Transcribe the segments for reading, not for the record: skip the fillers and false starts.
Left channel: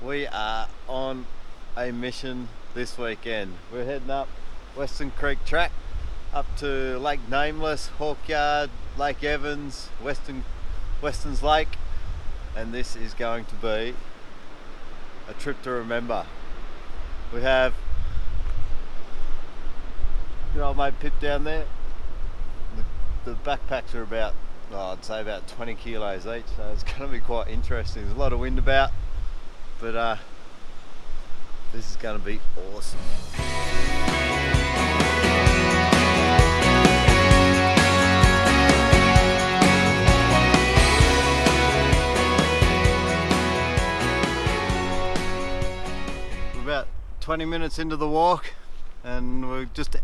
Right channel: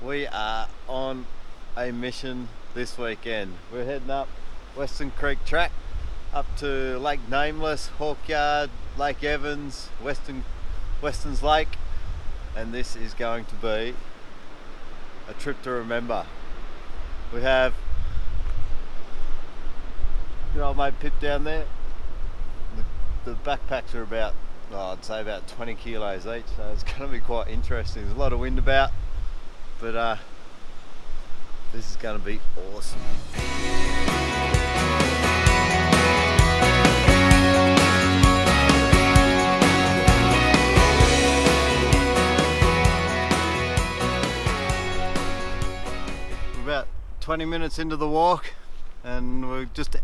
We are on a mission this weekend. We're heading up Western Creek track up to Lake Nameless, Hawkyard, Lake Evans, Weston's Lake, and this is going to be a trip to remember. We have good old mate Pip down there. The backpacks are about, I'd say about 20 kilos each, so it's going to be quite interesting. There's a lot of wind about, but this is going to be awesome. We're about 20 minutes into the walk and we've just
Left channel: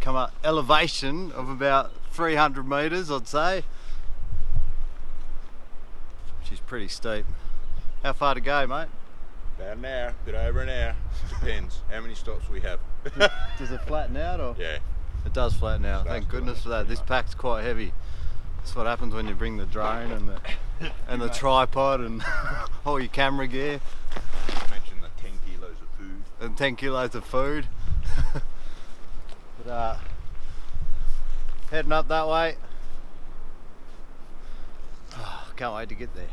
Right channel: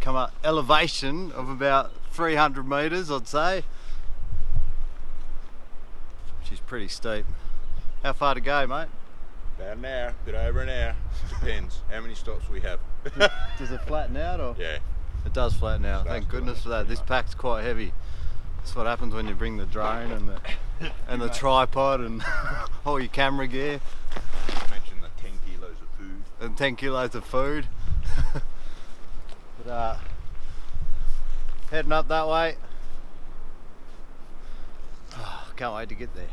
come up elevation of about 300 metres, I'd say. She's pretty steep. How far to go, mate? About an hour, bit over an hour. Depends how many stops we have. Does it flatten out or? Yeah. It does flatten out. Thank goodness for that. This pack's quite heavy. That's what happens when you bring the drone and the tripod and all your camera gear. Mention the 10 kilos of food. And 10 kilos of food. But heading up that way. Oh, can't wait to get there.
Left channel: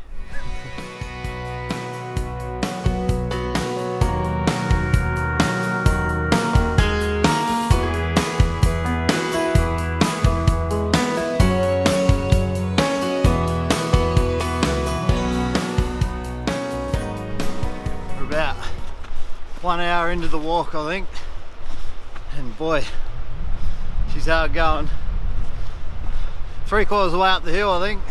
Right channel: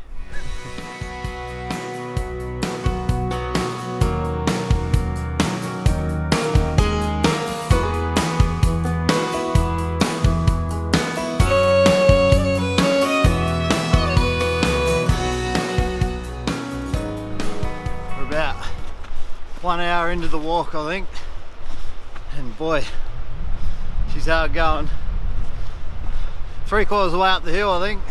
We're about 1 hour into the walk, I think, and boy, she's hard going. 3/4 of the way up the hill, I think,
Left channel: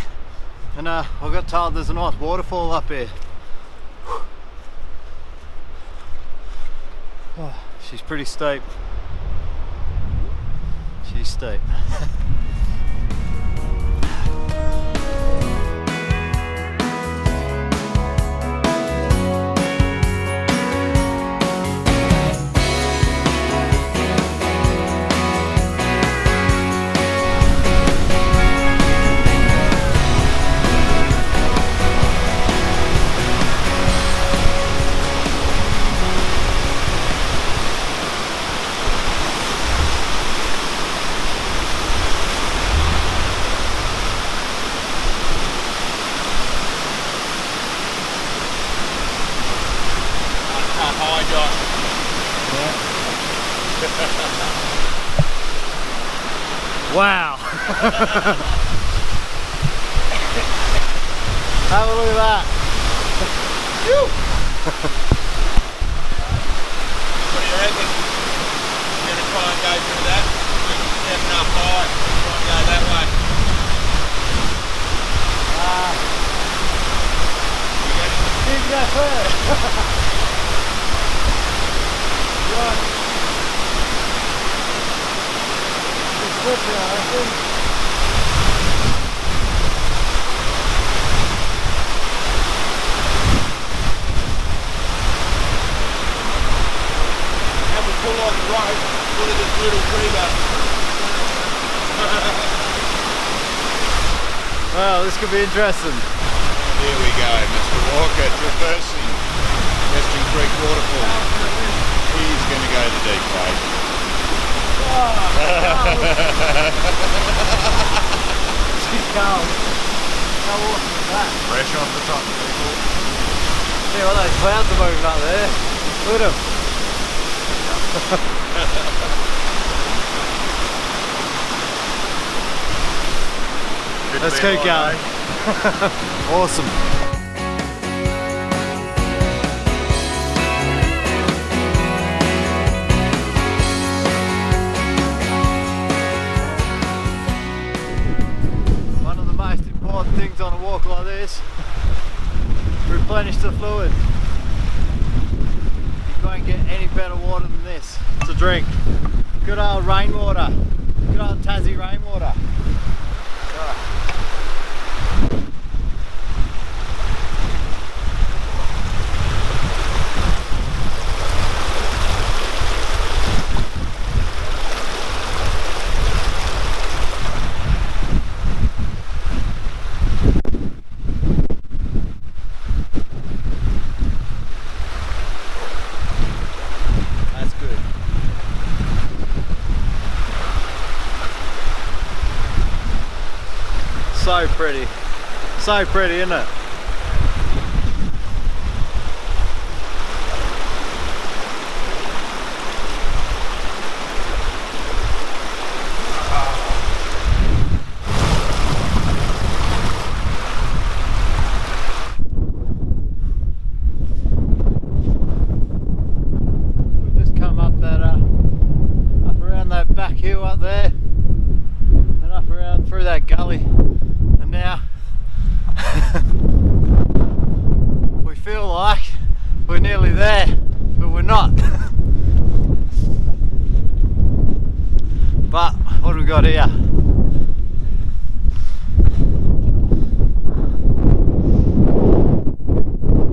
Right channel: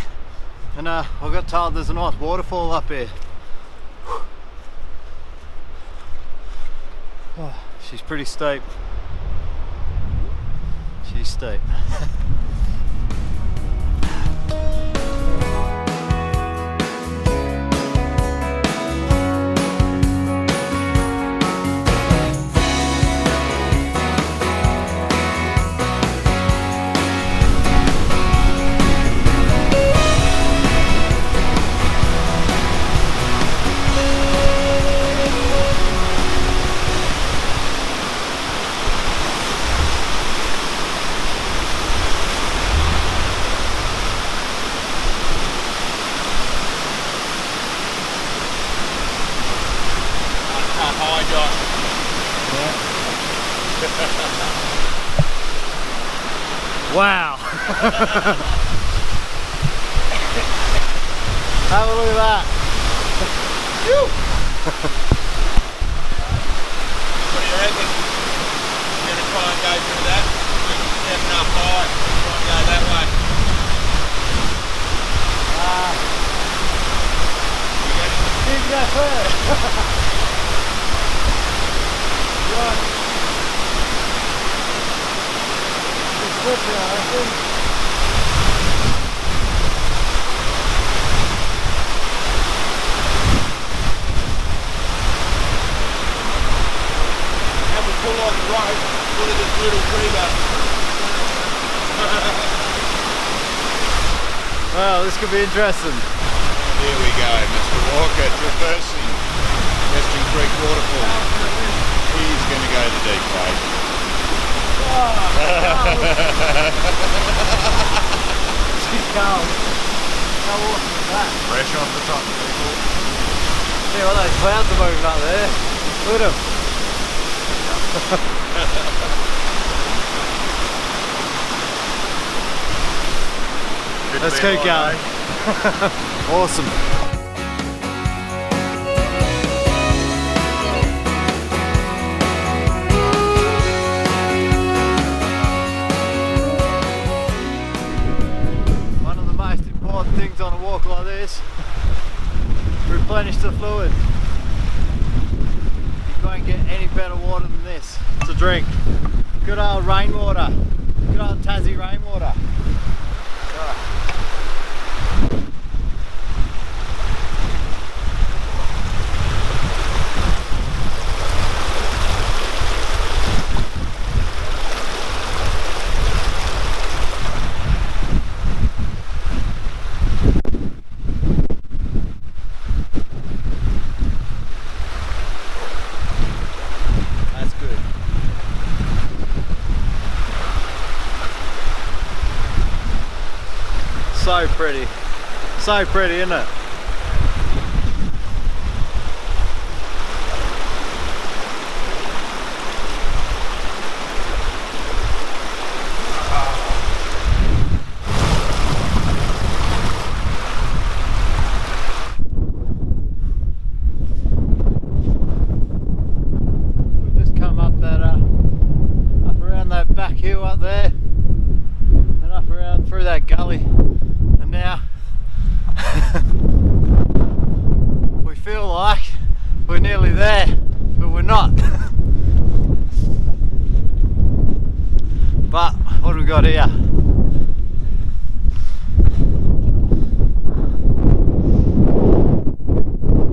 and I got told there's a nice waterfall up here. Oh, she's pretty steep. She's steep. Wow! Have a look at that! What do you reckon? You're going to try and go through that? You're 7 up high. Try and go that way. You can go first! Right. I think. And we pull on the rope, look at this little creeper. Well, this could be interesting. Here we go, Mr. Walker, traversing Western Creek waterfall. He's going to go the deep way. She's cold. How awesome is that? Fresh off the top, people. See what those clouds are moving up there. Look at them. Let's keep going. Awesome. Things on a walk like this, replenish the fluid. You can't get any better water than this to drink. Good old rainwater, good old Tassie rainwater. So pretty. So pretty, isn't it? We've just come up that up around that back hill up there and up around through that gully, and now we feel like we're nearly there, but we're not. But what do we got here?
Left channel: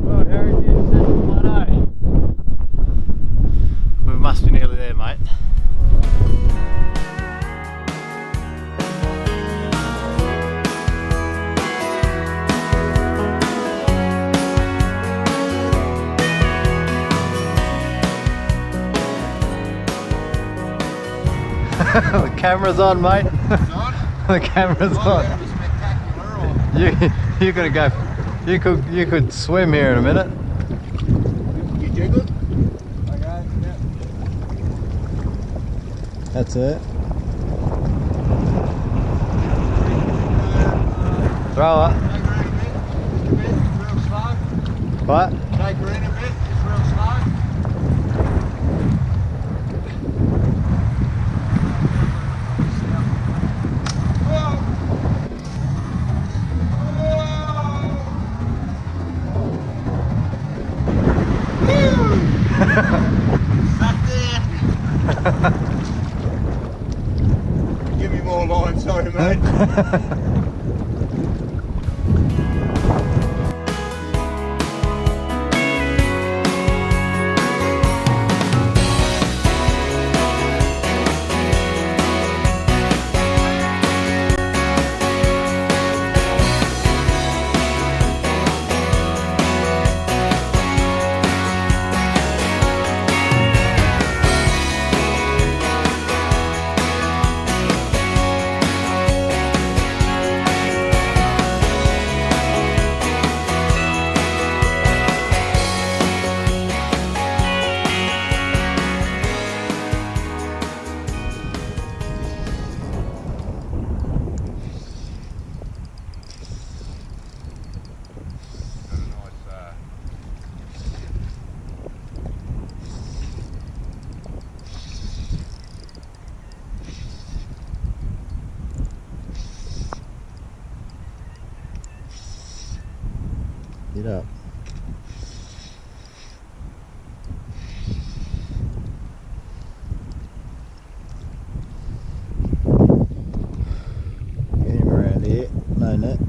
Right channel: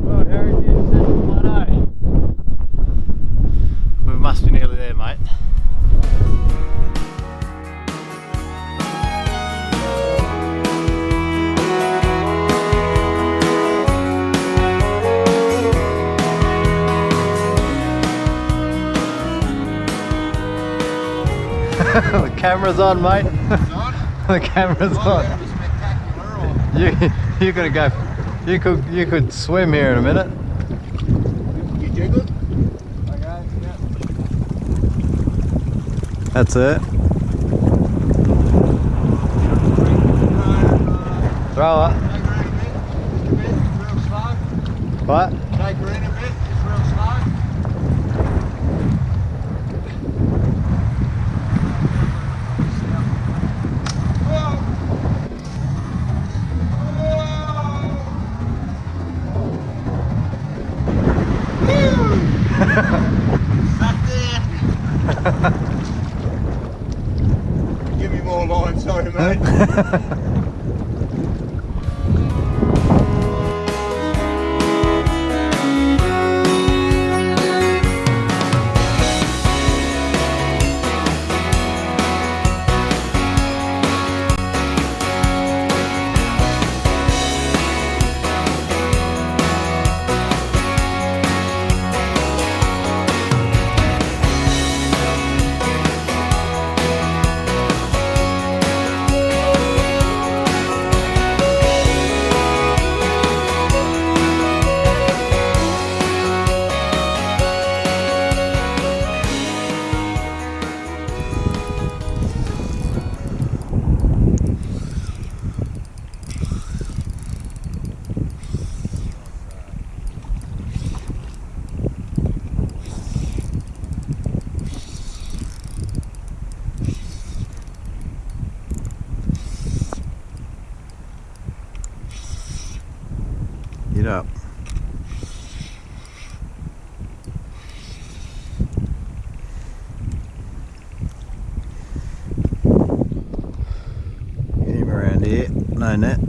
Well, Heritage Central Plateau. We must be nearly there, mate. The camera's on, mate. It's on? The camera's on. That was spectacular. You gotta go. You could swim here in a minute. You jiggled? Okay. Yeah. That's it. Throw it. Take her in a bit, just a bit, real slow. What? Take her in a bit, just real slow. Back there. Give me more line, sorry mate. Get up. Get him around here. No net.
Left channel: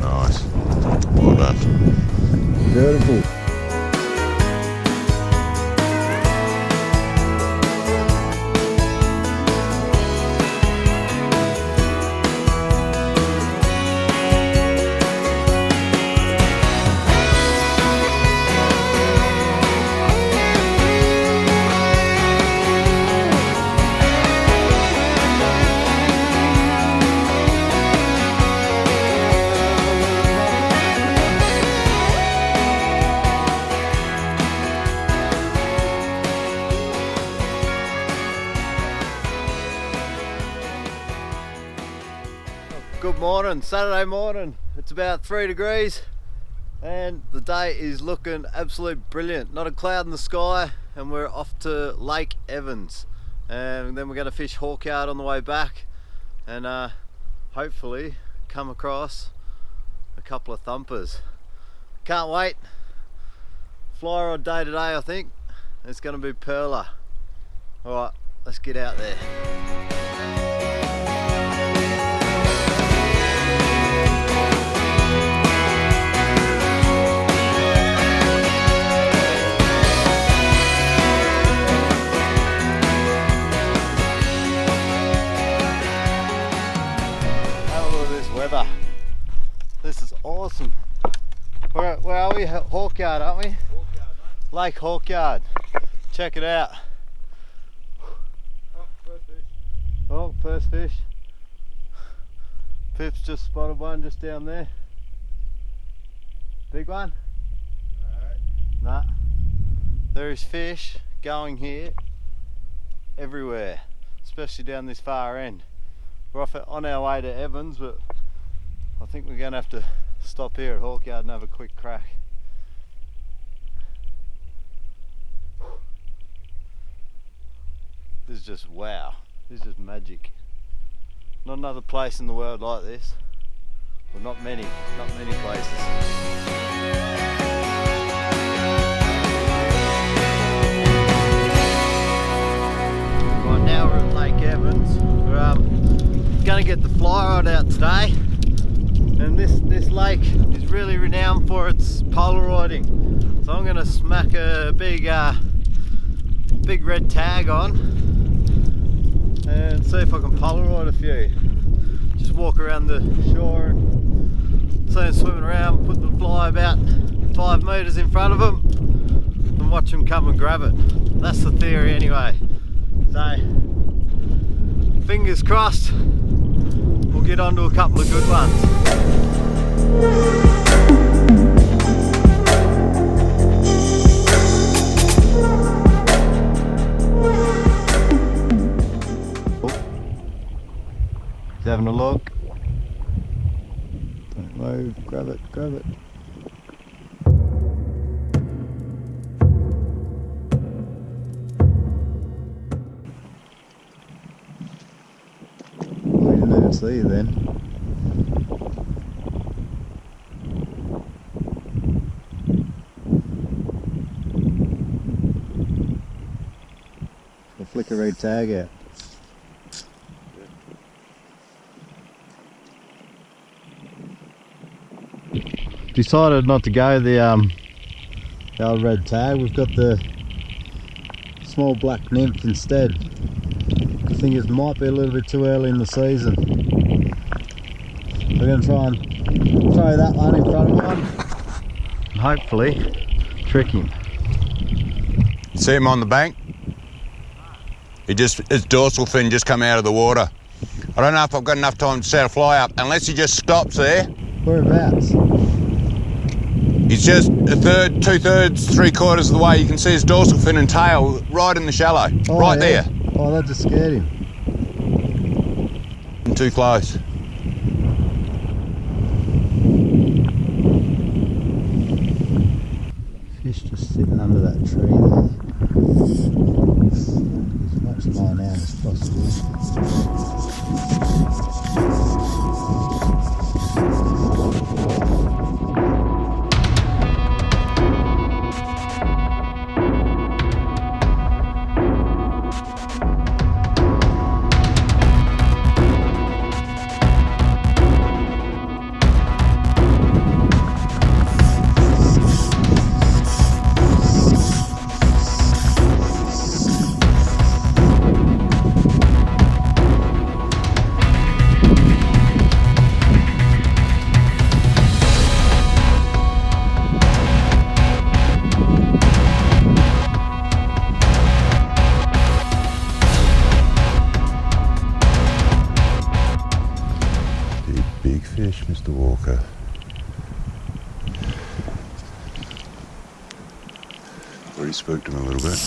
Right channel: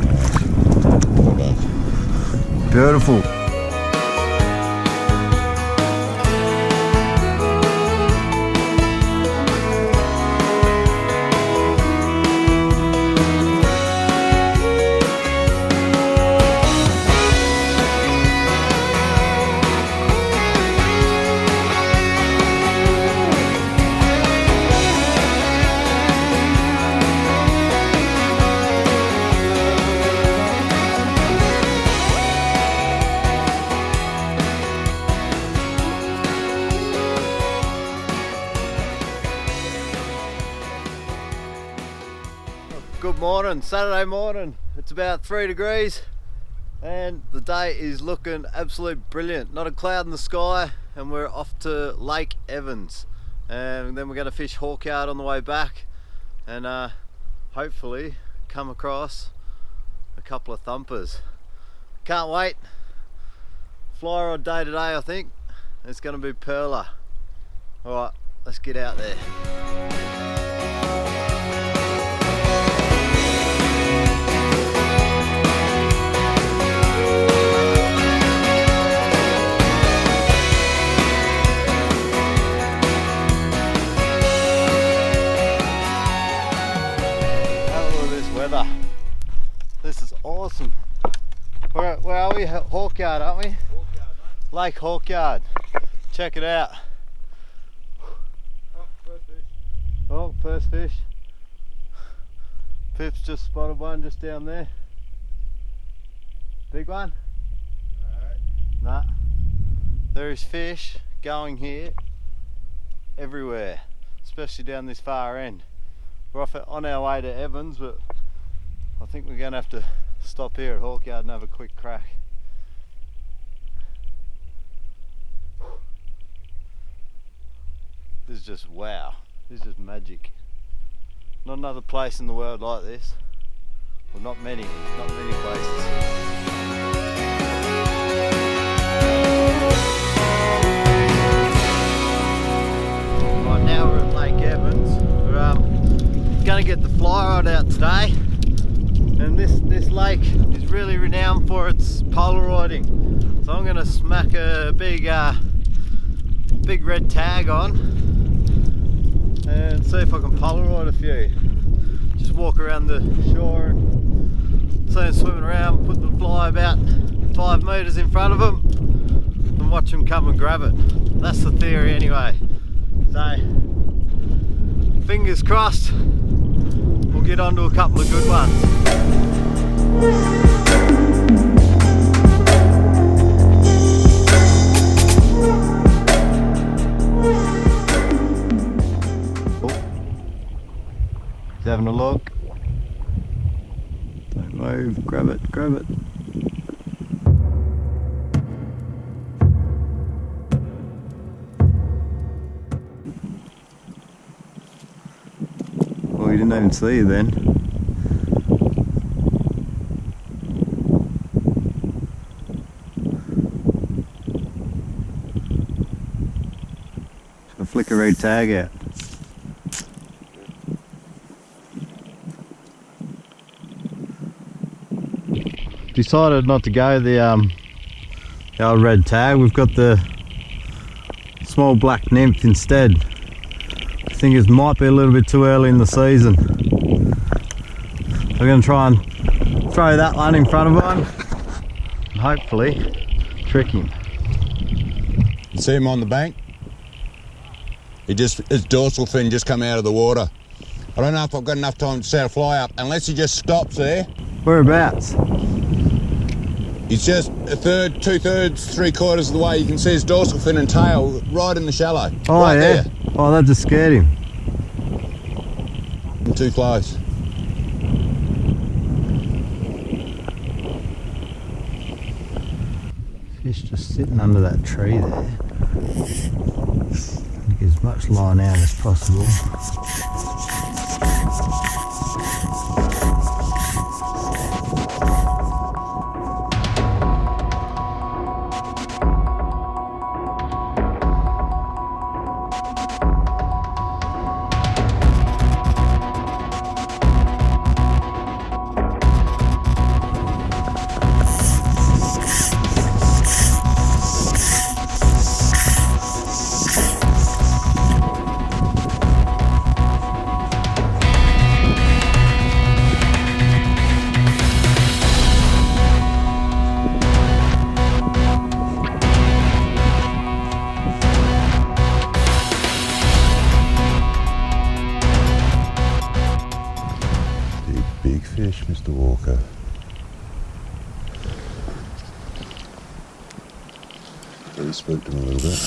Nice. Well done. Beautiful. Good morning, Saturday morning. It's about 3 degrees and the day is looking absolutely brilliant. Not a cloud in the sky, and we're off to Lake Evans, and then we're going to fish Hawkyard on the way back, and hopefully come across a couple of thumpers. Can't wait. Fly rod day today, I think. It's going to be perler. Alright, let's get out there. are we? Hawkyard, aren't we? Hawkyard, mate. Lake Hawkyard. Check it out. Oh, first fish. Oh, first fish. Pip's just spotted one just down there. Big one? No. Nah. There is fish going here everywhere, especially down this far end. We're on our way to Evans, but I think we're going to have to stop here at Hawkyard and have a quick crack. This is just wow. This is just magic. Not another place in the world like this. Well, not many places. Right, now we're at Lake Evans. We're going to get the fly rod out today. And this lake is really renowned for its Polaroiding. So I'm going to smack a big red tag on and see if I can Polaroid a few. Just walk around the shore and see them swimming around, put the fly about 5 metres in front of them and watch them come and grab it. That's the theory anyway. So fingers crossed we'll get onto a couple of good ones. He's having a look. Don't move, grab it, grab it. Oh, he didn't even see you then. I'll flick a red tag out. Decided not to go the old red tag. We've got the small black nymph instead. I think it might be a little bit too early in the season. We're going to try and throw that one in front of one and hopefully trick him. You see him on the bank? His dorsal fin just come out of the water. I don't know if I've got enough time to set a fly up unless he just stops there. Whereabouts? He's just a third, 2/3, 3/4 of the way. You can see his dorsal fin and tail right in the shallow. Oh, right yeah. there. Oh, that just scared him. And too close. Fish just sitting under that tree there. Get as much line out as possible. Big fish, Mr. Walker. Already spooked him a little bit.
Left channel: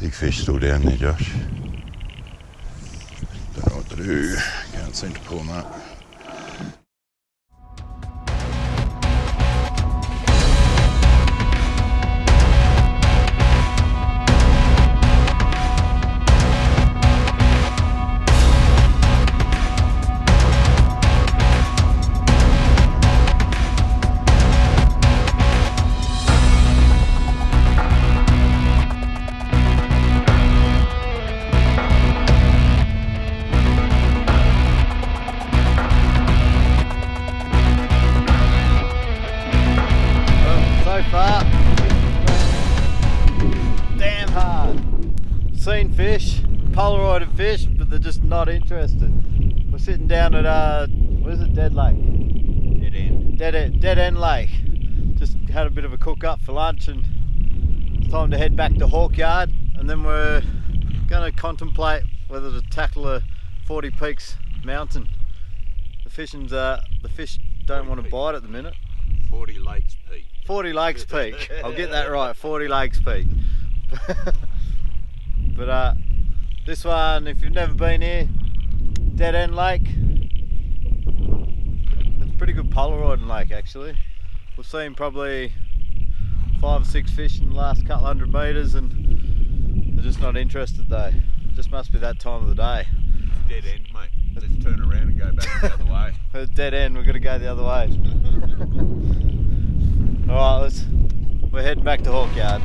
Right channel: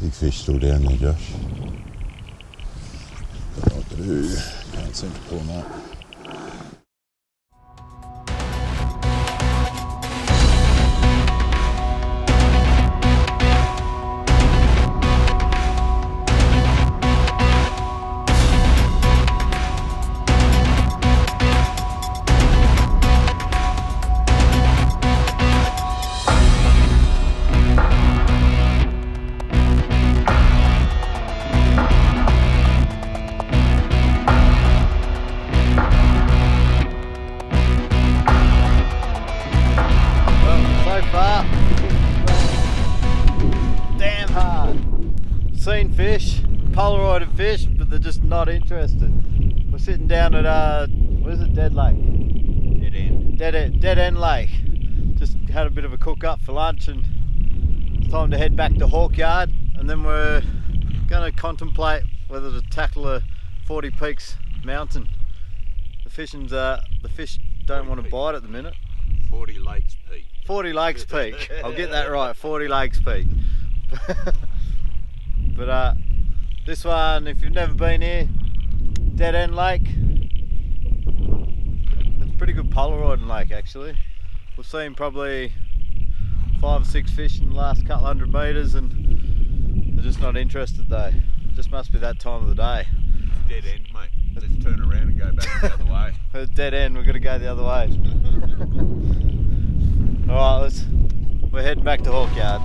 Big fish still down there, Josh. Don't know what to do. Can't seem to pull him up. So far, damn hard. Seen fish, Polaroided fish, but they're just not interested. We're sitting down at, what is it, Dead Lake? Dead End. dead end lake. Just had a bit of a cook up for lunch and it's time to head back to Hawkyard, and then we're going to contemplate whether to tackle a 40 Peaks mountain. The fish don't want to bite at the minute. 40 Lakes Peak. 40 Lakes Peak. I'll get that right. 40 Lakes Peak. But this one, if you've never been here, Dead End Lake. It's a pretty good Polaroiding lake actually. We've seen probably 5 or 6 fish in the last couple hundred metres, and they're just not interested though. It just must be that time of the day. Dead end, mate. Let's turn around and go back the other way. It's dead end, we're gonna go the other way. Alright, we're heading back to Hawkyard.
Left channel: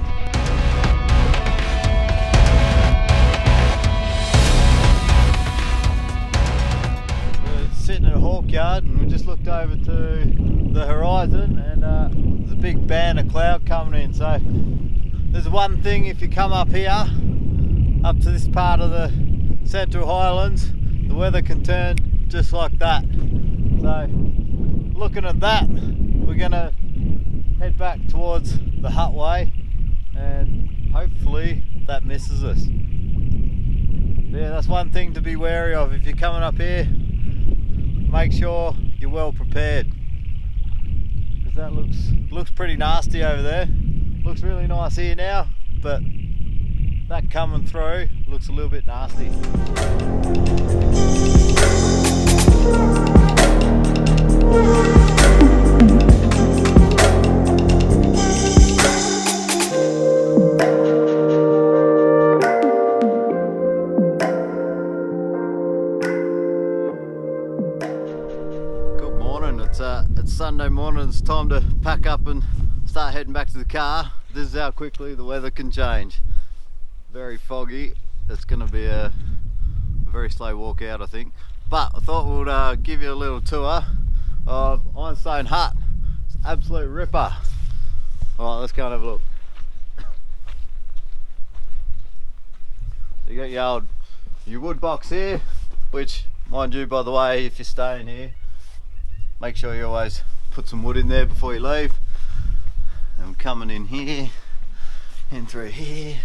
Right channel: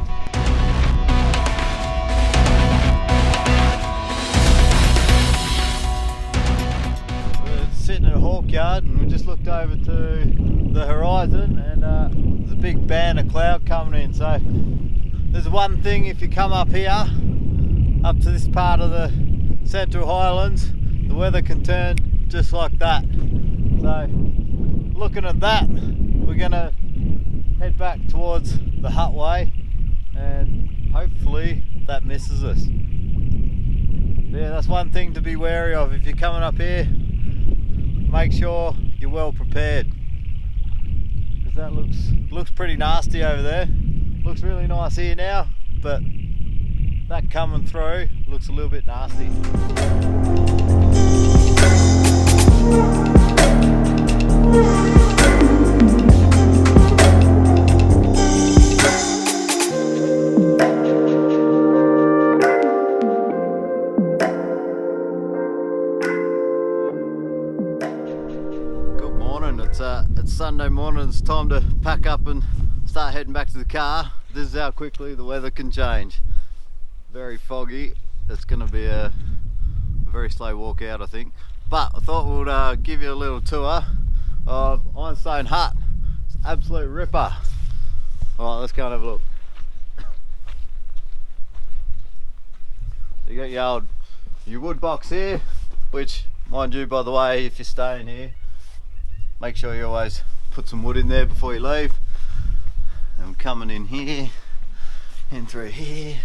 We're sitting at Hawkyard and we just looked over to the horizon, and there's a big band of cloud coming in. So there's one thing, if you come up here, up to this part of the Central Highlands, the weather can turn just like that. So looking at that, we're gonna head back towards the hut way and hopefully that misses us. Yeah, that's one thing to be wary of if you're coming up here. Make sure you're well prepared, because that looks pretty nasty over there. Looks really nice here now, but that coming through looks a little bit nasty. Good morning, it's Sunday morning. It's time to pack up and start heading back to the car. This is how quickly the weather can change. Very foggy. It's going to be a very slow walk out, I think. But I thought we'd give you a little tour of Ironstone Hut. It's an absolute ripper. Alright, let's go and have a look. You got your wood box here, which, mind you, by the way, if you're staying here, make sure you always put some wood in there before you leave. And I'm coming in here, in through here.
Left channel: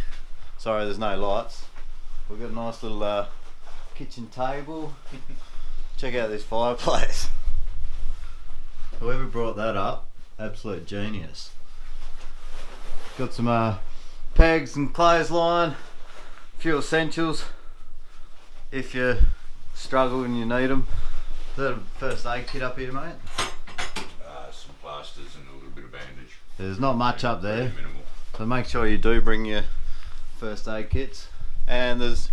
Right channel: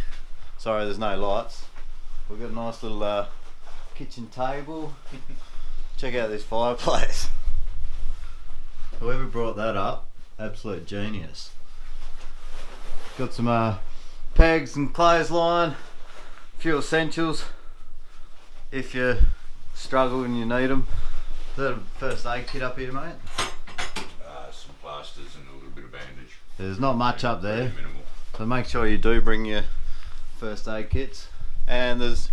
Sorry, there's no lights. We've got a nice little kitchen table. Check out this fireplace. Whoever brought that up, absolute genius. Got some pegs and clothesline, a few essentials if you struggle and you need them. Is that a first aid kit up here, mate? Some plasters and a little bit of bandage. There's not much up there, Minimal. so make sure you do bring your first aid kits. And there's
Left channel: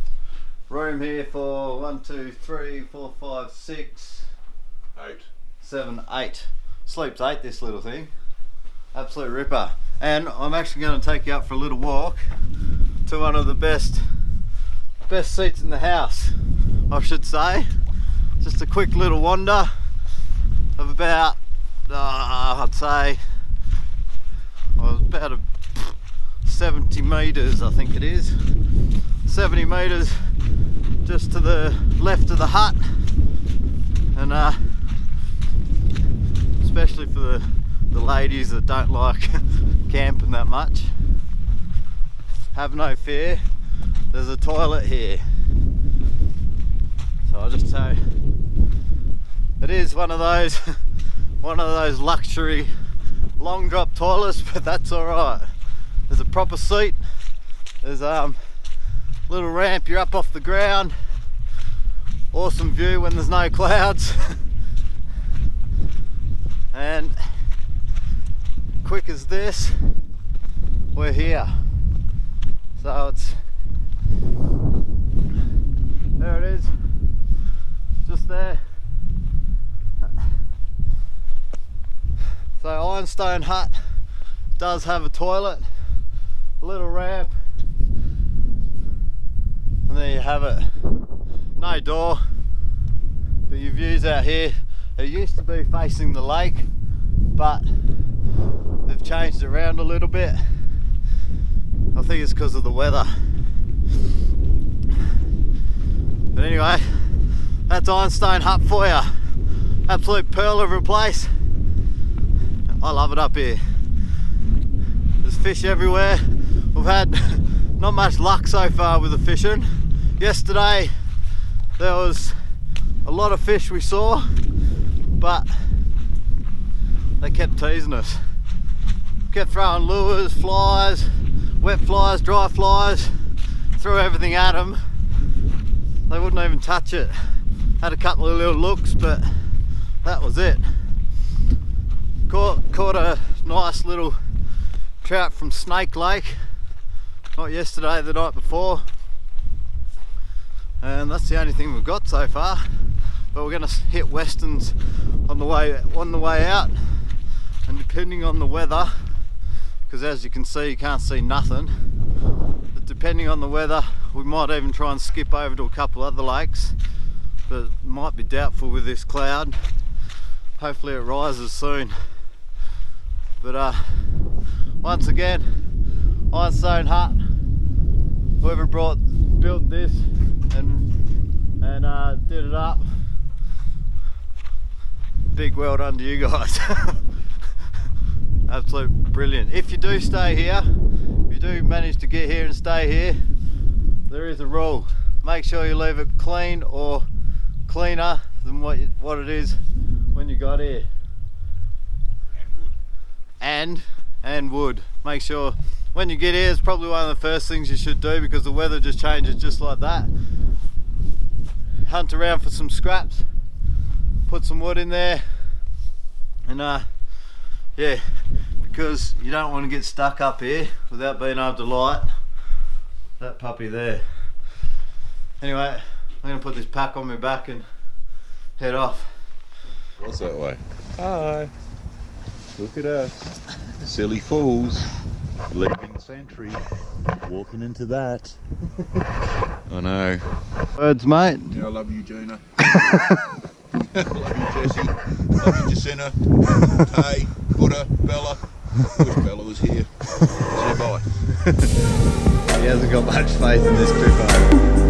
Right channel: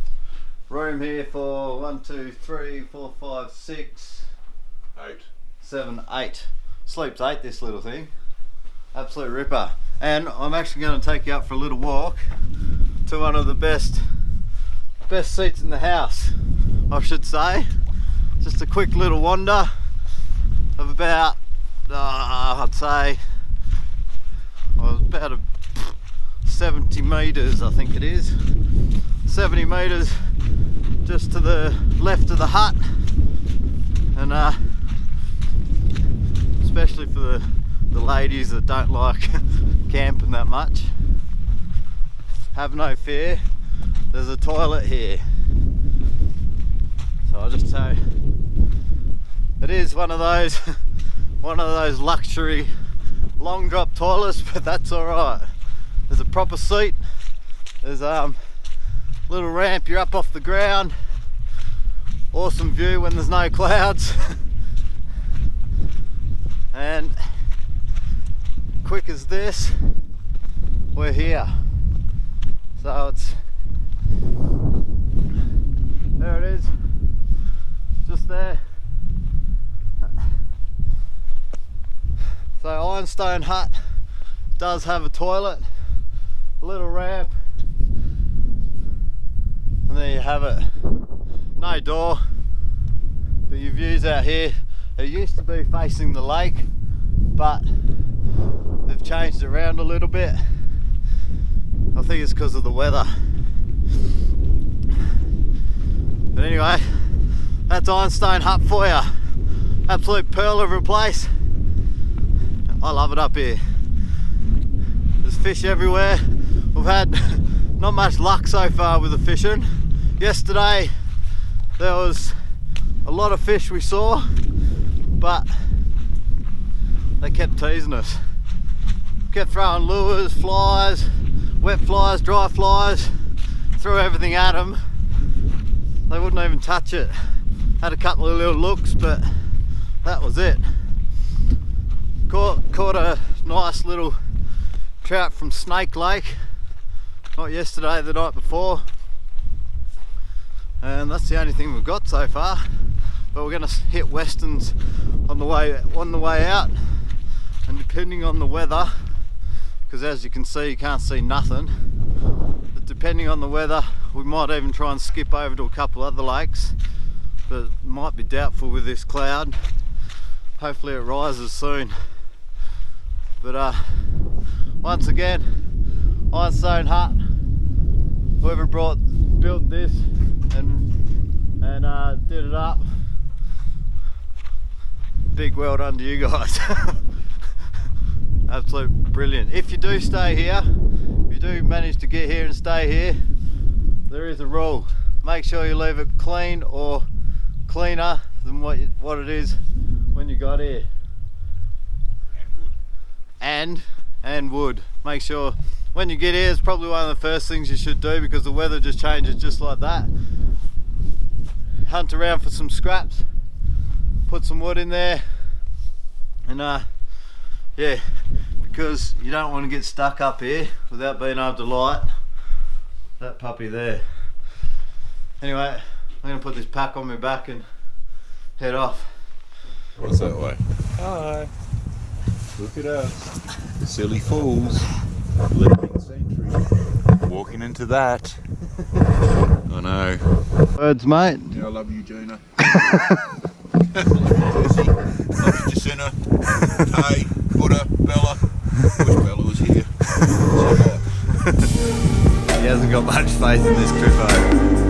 room here for 1, 2, 3, 4, 5, 6, 8, 7, 8. Sleeps 8, this little thing. Absolute ripper. And I'm actually going to take you up for a little walk to one of the best seats in the house, I should say. Just a quick little wander of about, I'd say, about 70 metres, I think it is. 70 metres just to the left of the hut, and especially for the ladies that don't like camping that much, have no fear, there's a toilet here. So I'll just say it is one of those luxury long drop toilets, but that's alright. There's a proper seat, there's a little ramp, you're up off the ground, awesome view when there's no clouds, and quick as this, we're here. So there it is, just there. So Ironstone Hut does have a toilet, a little ramp, and there you have it. No door, but your views out here, it used to be facing the lake, but they've changed it around a little bit. I think it's because of the weather. But anyway, that's Ironstone Hut for you. Absolute pearl of a place. I love it up here. There's fish everywhere. We've had not much luck so far with the fishing. Yesterday there was a lot of fish we saw, but they kept teasing us. Kept throwing lures, flies, wet flies, dry flies, threw everything at them. They wouldn't even touch it. Had a couple of little looks, but that was it. Caught a nice little trout from Snake Lake, not yesterday, the night before, and that's the only thing we've got so far. But we're going to hit Westerns on the way out, and depending on the weather, because as you can see you can't see nothing, but depending on the weather we might even try and skip over to a couple other lakes, but it might be doubtful with this cloud. Hopefully it rises soon. But once again, Ironstone hut, whoever built this and did it up, big well done to you guys. Absolute brilliant. If you do stay here, if you do manage to get here and stay here, there is a rule. Make sure you leave it clean or cleaner than what it is when you got here. And wood. Make sure when you get here, it's probably one of the first things you should do, because the weather just changes just like that. Hunt around for some scraps, put some wood in there, and yeah, because you don't want to get stuck up here without being able to light that puppy there. Anyway, I'm going to put this pack on my back and head off. What's that way? Hi. Look at us. Silly fools. Leaving Century. Walking into that. I know. Birds, mate. Yeah, I love you, Gina. I love you, Jesse. Love you, Jacinta. Tay, Buddha, Bella. I wish Bella was here. Say bye. He hasn't got much faith in this trip home.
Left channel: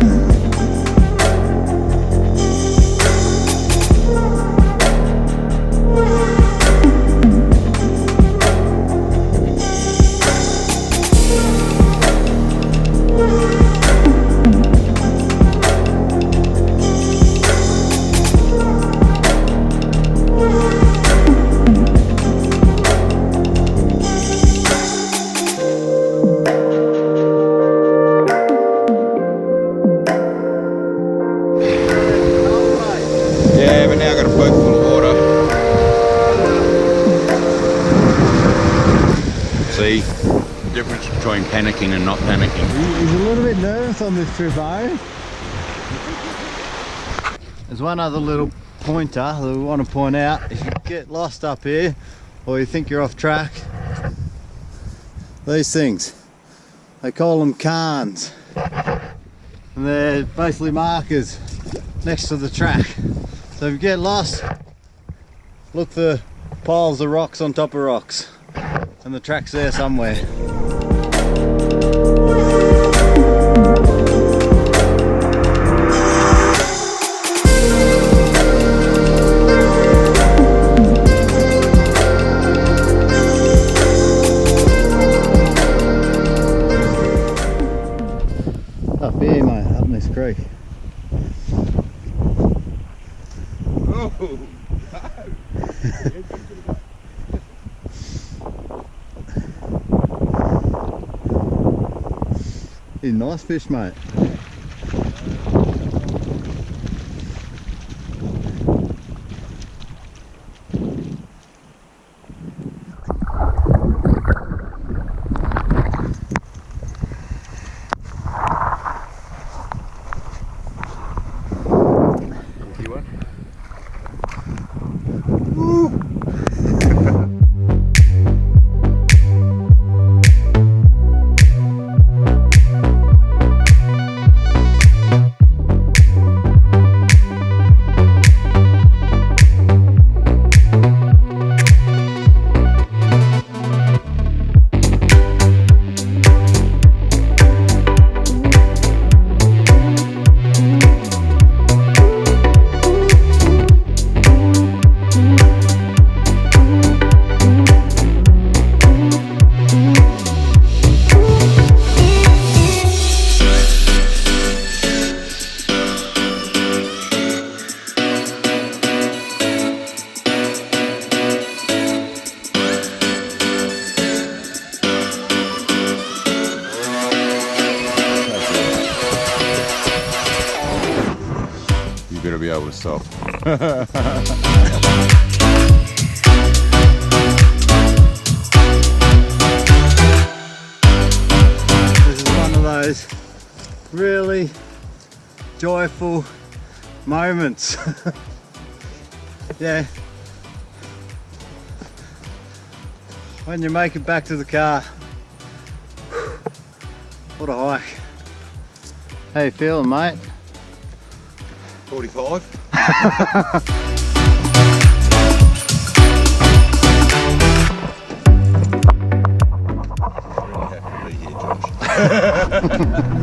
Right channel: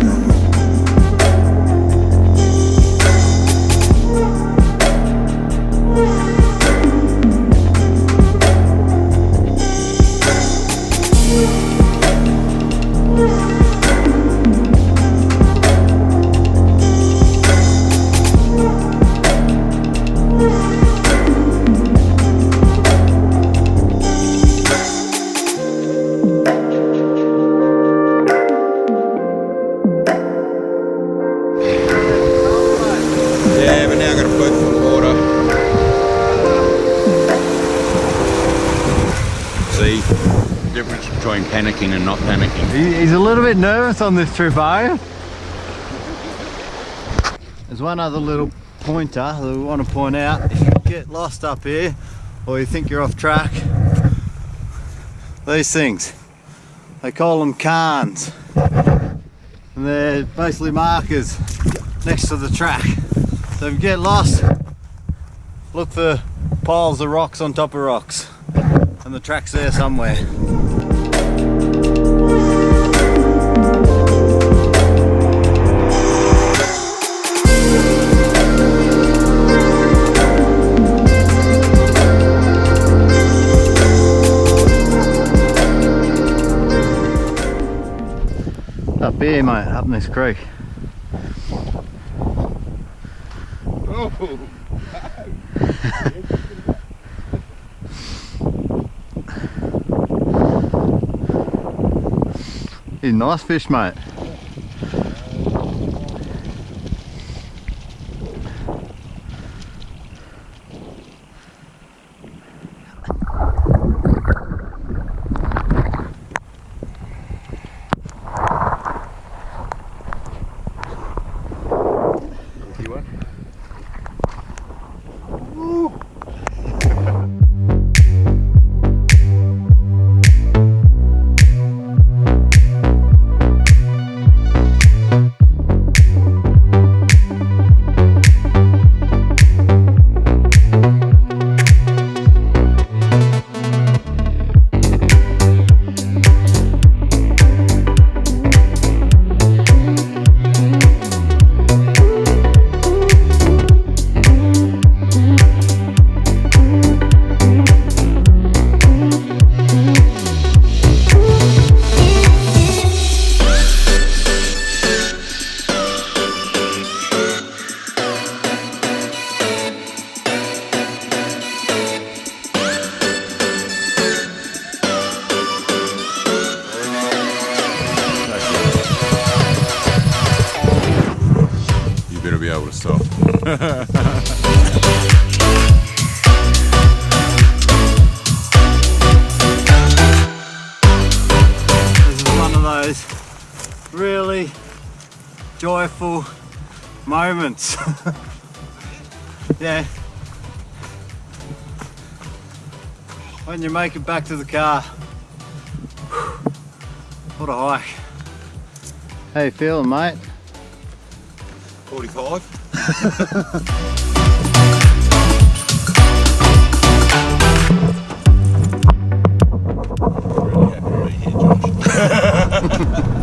Difference between panicking and not panicking. He's a little bit nervous on this trip, are you? There's one other little pointer that we want to point out. If you get lost up here or you think you're off track, these things, they call them cairns, and they're basically markers next to the track. So if you get lost, look for piles of rocks on top of rocks, and the track's there somewhere. Up here, mate, up in this creek. Oh, He's a nice fish, mate. better be able to stop. This is one of those really joyful moments. Yeah. When you make it back to the car. What a hike. How you feeling, mate? 45. Really happy to be here, Josh.